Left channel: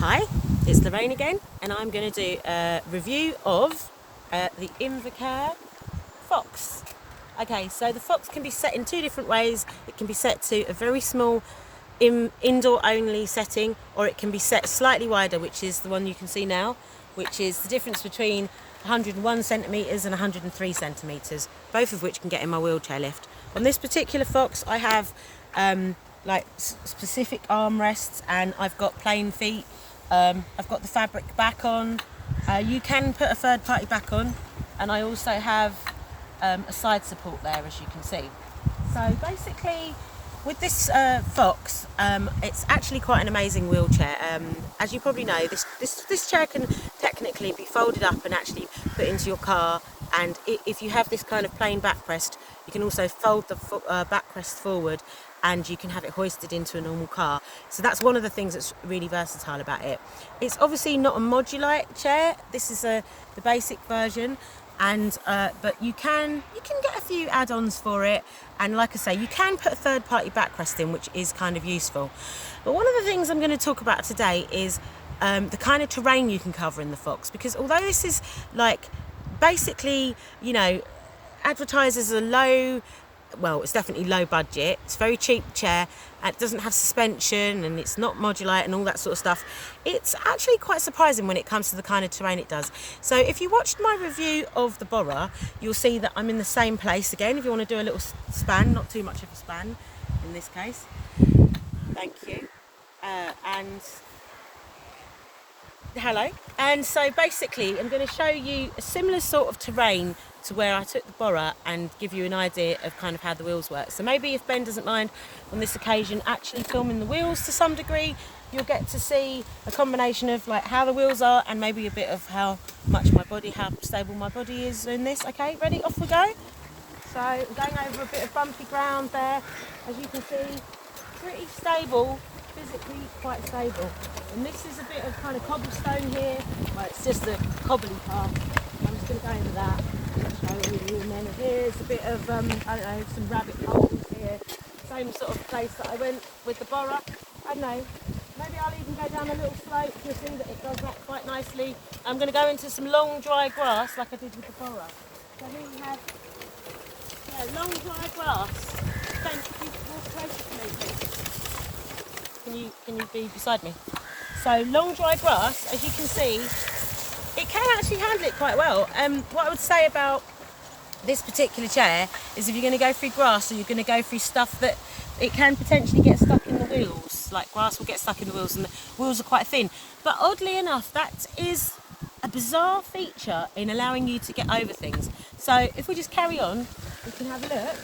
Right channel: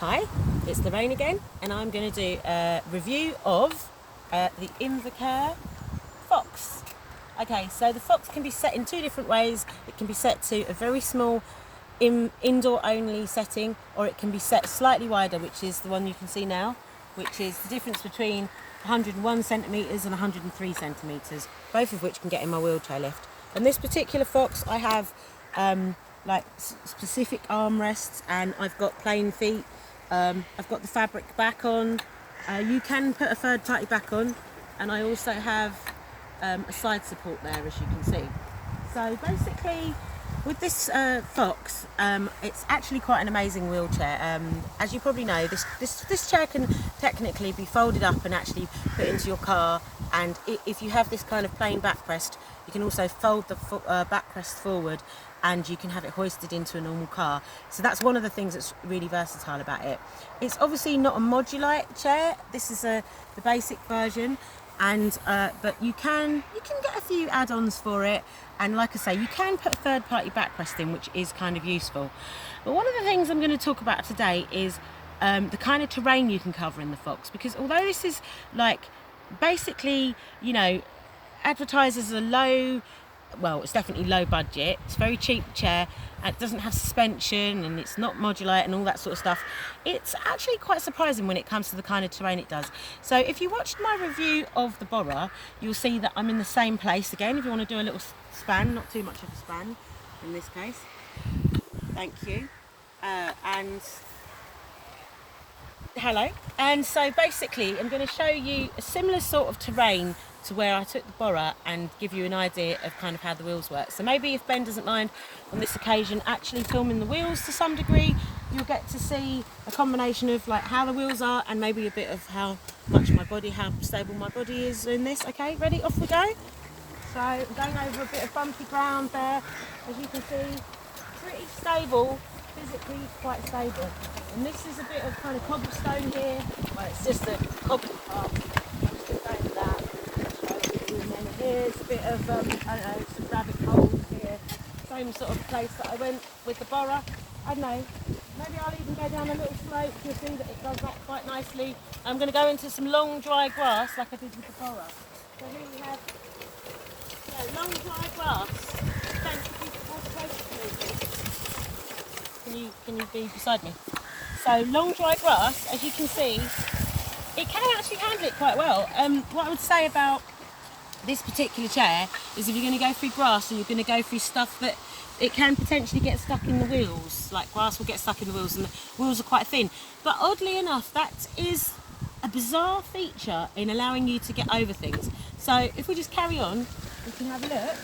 Hi, it's Lorraine again, and I'm going to do a review of the Invacare Fox. Okay, so the Fox can be set in two different ways. It can be set to a very small indoor only setting, or it can be set slightly wider, which is the one you can see now, which is the difference between 101 centimetres and 103 centimetres, both of which can get in my wheelchair lift. On this particular Fox, I have specific armrests, and I've got plain feet. I've got the fabric back on. You can put a third party back on, and I also have a side support there, as you can see. So basically, with this Fox, it's actually quite an amazing wheelchair. As you probably know, this chair can technically be folded up and actually put into your car, and if you have this kind of plain backrest, you can also fold the backrest forward and you can have it hoisted into a normal car. So that's one of the things that's really versatile about it. It's obviously not a modular chair. This is the basic version, and but you can get a few add-ons for it, and like I say, you can put a third-party backrest in, which is kind of useful. But one of the things I'm going to talk about today is the kind of terrain you can cover in the Fox, because although this is basically, advertised as a it's definitely low budget. It's a very cheap chair. It doesn't have suspension, and it's not modular and all that sort of stuff. It's actually quite surprising when it comes to the kind of terrain it does. So if you watched my review of the Bora, you'll see that I'm in the same place again. If you want to do a little span, not too much of a span in this case. Thank you. And hello. And so basically, I'm going to show you a similar sort of terrain to where I took the Bora, and give you an idea of kind of how the wheels work. So maybe if Ben doesn't mind on this occasion actually filming the wheels to some degree, you'll get to see a combination of how the wheels are, and maybe a bit of how stable my body is in this. Okay, ready? Off we go. So I'm going over a bit of bumpy ground there. As you can see, pretty stable, physically quite stable. And this is a bit of kind of cobblestone here. It's just a cobbly path. I'm just going to go into that. Here's a bit of, some rabbit holes here. Same sort of place that I went with the Bora. I don't know, maybe I'll even go down a little slope. You'll see that it does that quite nicely. I'm going to go into some long dry grass like I did with the Bora. So here we have long dry grass. Can you be beside me? So long dry grass, as you can see, it can actually handle it quite well. What I would say about this particular chair is if you're going to go through grass, or you're going to go through stuff that it can potentially get stuck in the wheels, like grass will get stuck in the wheels, and the wheels are quite thin. But oddly enough, that is a bizarre feature in allowing you to get over things. So if we just carry on, we can have a look.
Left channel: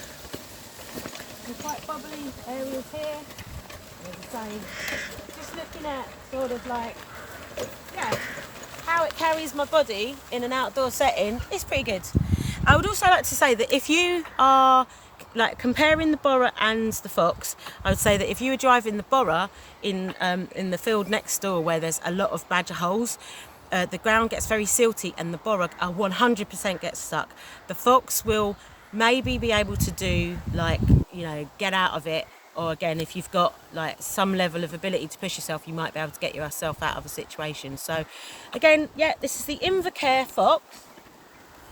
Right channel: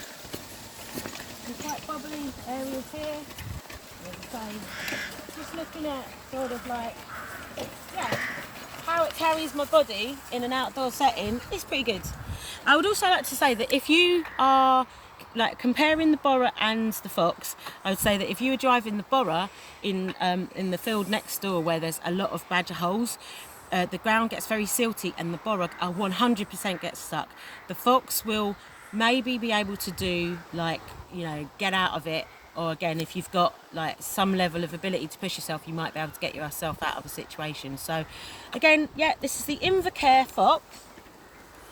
Some quite bubbly areas here. Just looking at sort of how it carries my body in an outdoor setting, it's pretty good. I would also like to say that if you are comparing the Bora and the Fox, I would say that if you were driving the Bora in the field next door where there's a lot of badger holes, the ground gets very silty, and the Bora 100% gets stuck. The Fox will maybe be able to do get out of it, or again, if you've got some level of ability to push yourself, you might be able to get yourself out of a situation. So again, this is the Invacare Fox,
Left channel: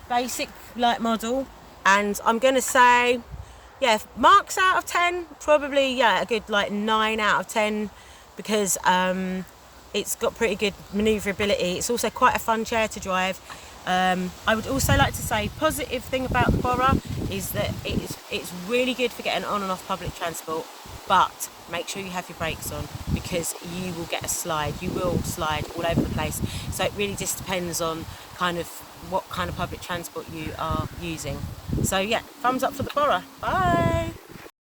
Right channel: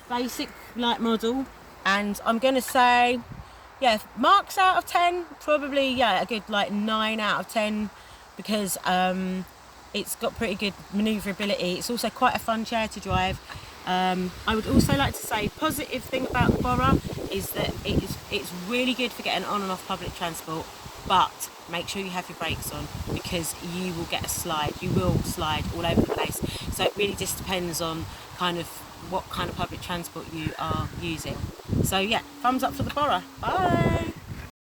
basic model, and I'm going to say, marks out of 10, probably a good 9 out of 10, because it's got pretty good manoeuvrability. It's also quite a fun chair to drive. I would also like to say, positive thing about the Bora is that it's really good for getting on and off public transport, but make sure you have your brakes on, because you will get a slide. You will slide all over the place. So it really just depends on what kind of public transport you are using. So thumbs up for the Bora. Bye.